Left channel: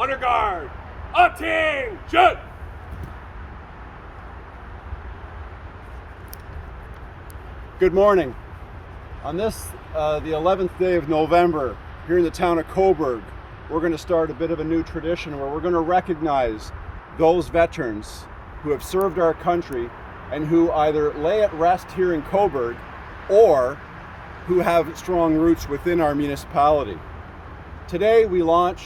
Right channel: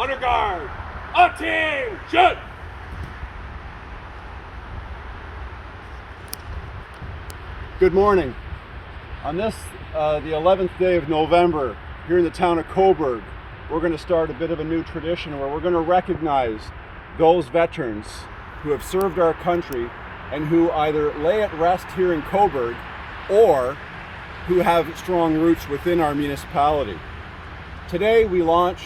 Under guard. Attention! Good morning. On this, the 11th day of November, here in the town of Cobourg, we're going to start a bit of a new tradition where we're going to recognize those veterans who have served our country and who either lay at rest here in Cobourg or who have strong roots within our municipality. Today we launch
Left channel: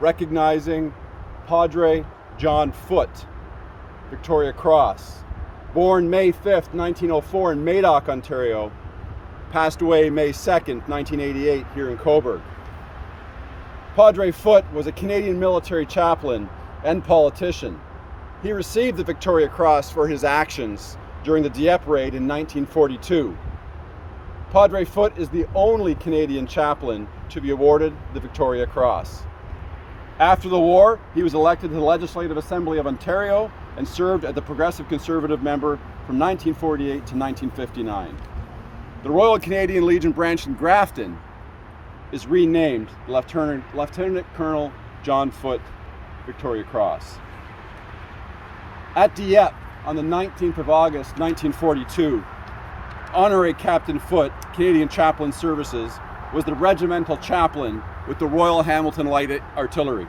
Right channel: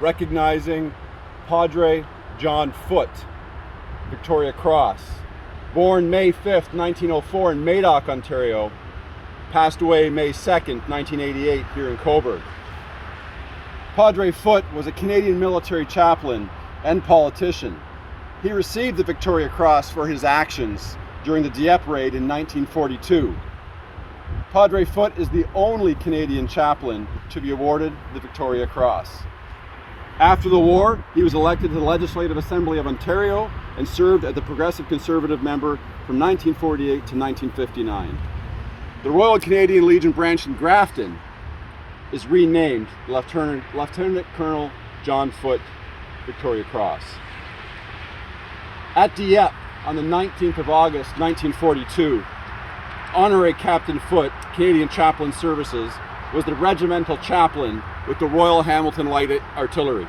recognizing Padre John Foote, Victoria Cross. Born May 5th, 1904 in Madoc, Ontario, passed away May 2nd, 1988 here in Cobourg. Padre Foote was a Canadian military chaplain and politician. He received the Victoria Cross for his actions during the Dieppe Raid in 1942. Padre Foote is the only Canadian chaplain to be awarded the Victoria Cross. After the war, he was elected to the Legislative Assembly of Ontario and served as the Progressive Conservative member from 1948 to 1959. The Royal Canadian Legion branch in Grafton is renamed Lieutenant Colonel John Foote Victoria Cross. At Dieppe on the 19th of August 1942, Honorary Captain Foote, Canadian Chaplain Services, was the regimental chaplain with the Royal Hamilton Light Infantry.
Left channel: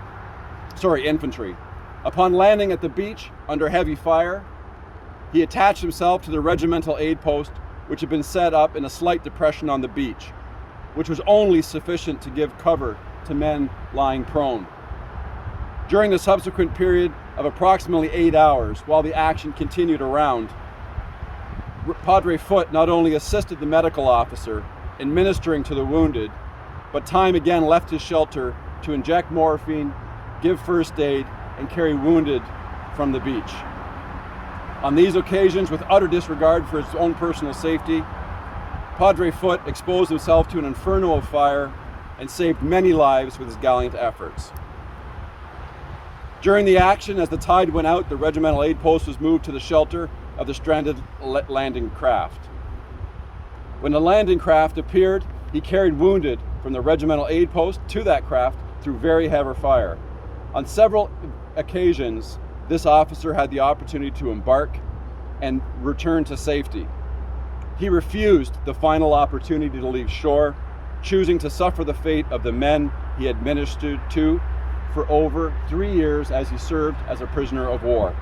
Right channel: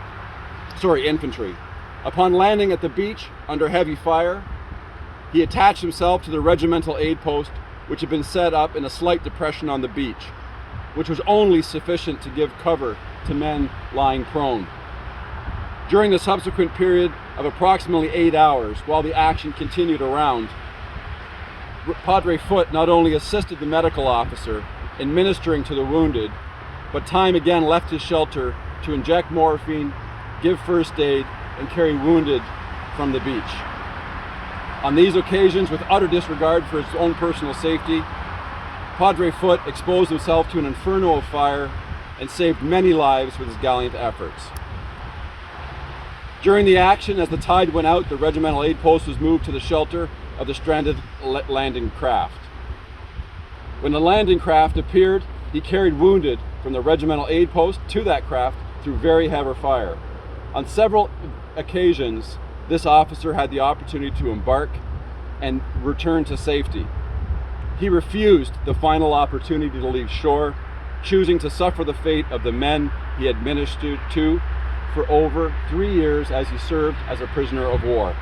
Upon landing at the beach under heavy fire, he attached himself to the regimental aid post, which had been set up in a slight depression on the beach, which was only sufficient to give cover to men lying prone. During the subsequent period of approximately 8 hours, while the action continued around, Padre Foote not only assisted the medical officer in ministering to the wounded, but time again left his shelter to inject morphine, give first aid, and carry wounded from the beach. On these occasions, with utter disregard for his own personal safety, Padre Foote exposed himself to an inferno of fire and saved many lives with his gallant efforts. During the action, as the tide went out, the regimental aid post was moved to the shelter of the stranded landing craft. When the landing craft appeared, he carried wounded from the regimental aid post to that craft through very heavy fire. On several occasions, this officer had the opportunity to embark and return to safety. He refused the final opportunity to leave shore, choosing to suffer the fate of the men he had ministered to for over 3 years as he served as a prisoner of war.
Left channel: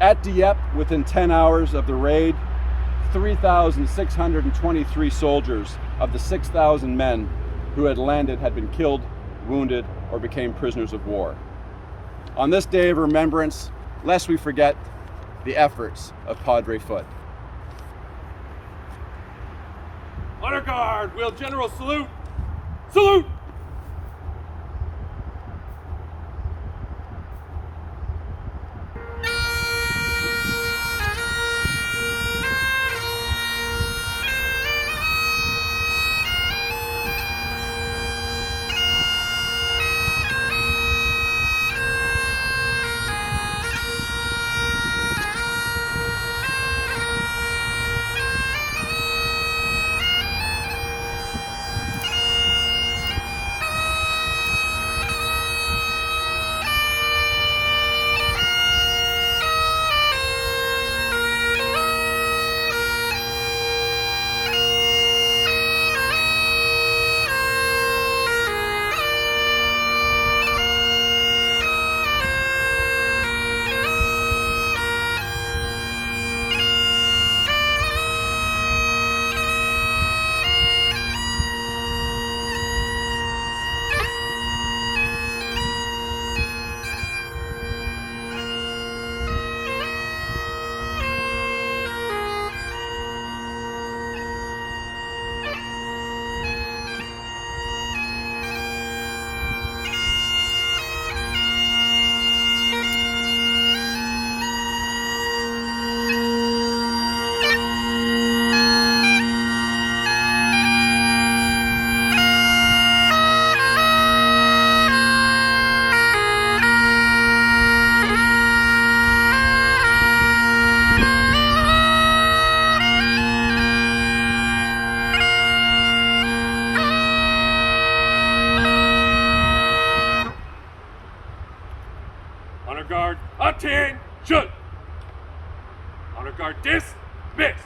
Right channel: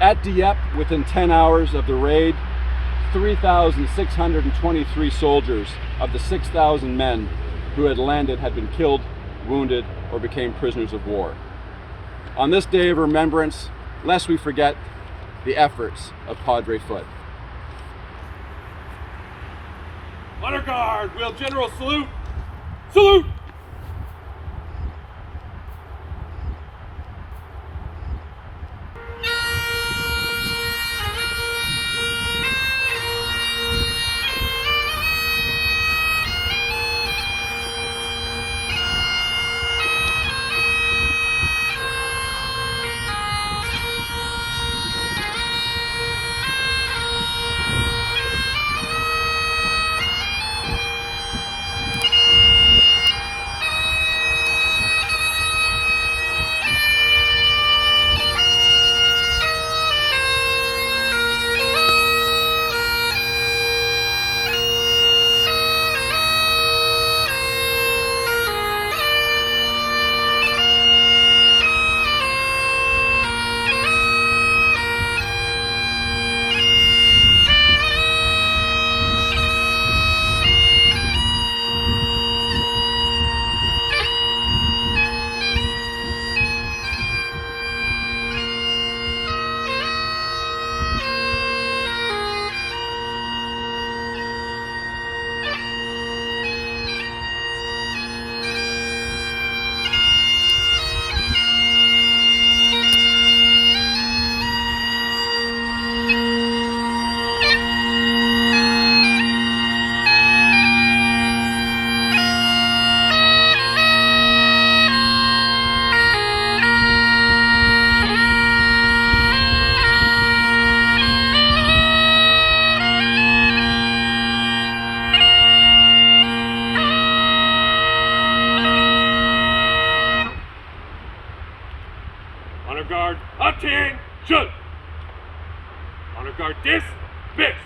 At Dieppe, within 10 hours of the raid, 3,623 soldiers of the 6,000 men who had landed had been killed, wounded, or became prisoners of war. On this day of remembrance, lest we forget the efforts of Padre Foote. Under guard. Will General salute. Salute! Honor guard, attention! Honor guard, dismiss!